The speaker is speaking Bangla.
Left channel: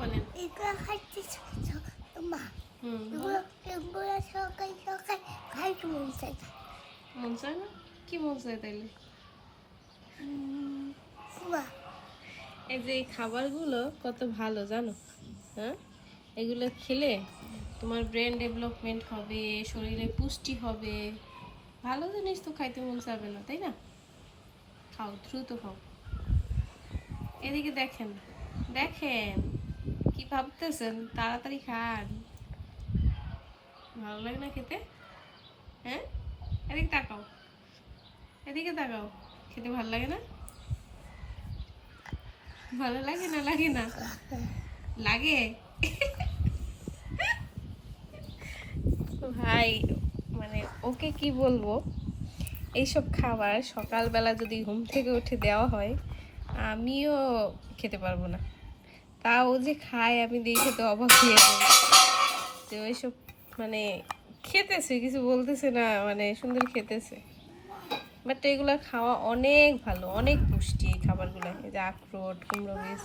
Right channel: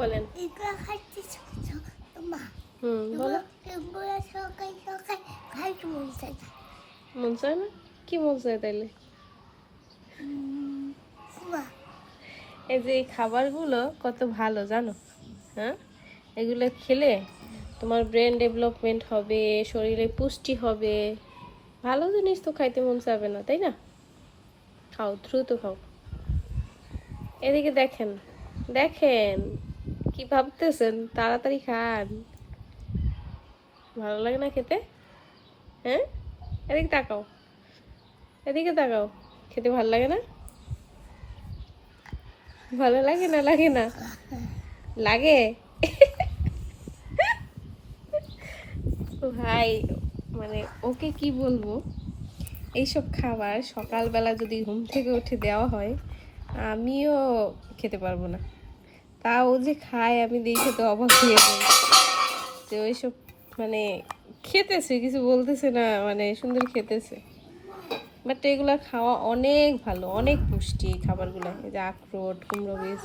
বলেন। এগুলো খাইতে মা বলো। এগুলো সকাল সকাল খাইতে মন চায় না। মন চায় না? কি মন চায় তাইলে? মা এই যে এই খাবারগুলো কত ভালো জানো? হ্যাঁ, এগুলো খেলে তোমার ব্রেন ডেভেলপমেন্ট হবে, শরীরে পুষ্টি হবে। ভালো জিনিস তো খাইতে মন চাবে না, তাই না? খাও, দ্রুত খাও। এদিকে দেখেন, দেখেন কি ভাবতেছেন, তাড়াতাড়ি খান। ভালো লাগে না খেতে? হ্যাঁ, এদিকে তাকাও, এদিকে তাকাও। খেতে ভালো লাগে না? ভালো লাগে না? লাগে না? লাগে। ভাই, মানে ওকে কি বলবো, এইসব খাবার সকালবেলা যদি ঘুম থেকে উঠে দেওয়া হয় আমিও খেতে পারবো না। তাও যে খায় আমি দেখে তো অবাক হয়ে যাই যে ওইসব মানে খেতেছে, কিছু বলতেছে না, মানে সুন্দর খেতেছে। বাট এগুলা খাওয়া অনেক ভালো, অনেক পুষ্টি এই খাবারগুলো। এই যে আখরোট, কুমড়ো বীজ,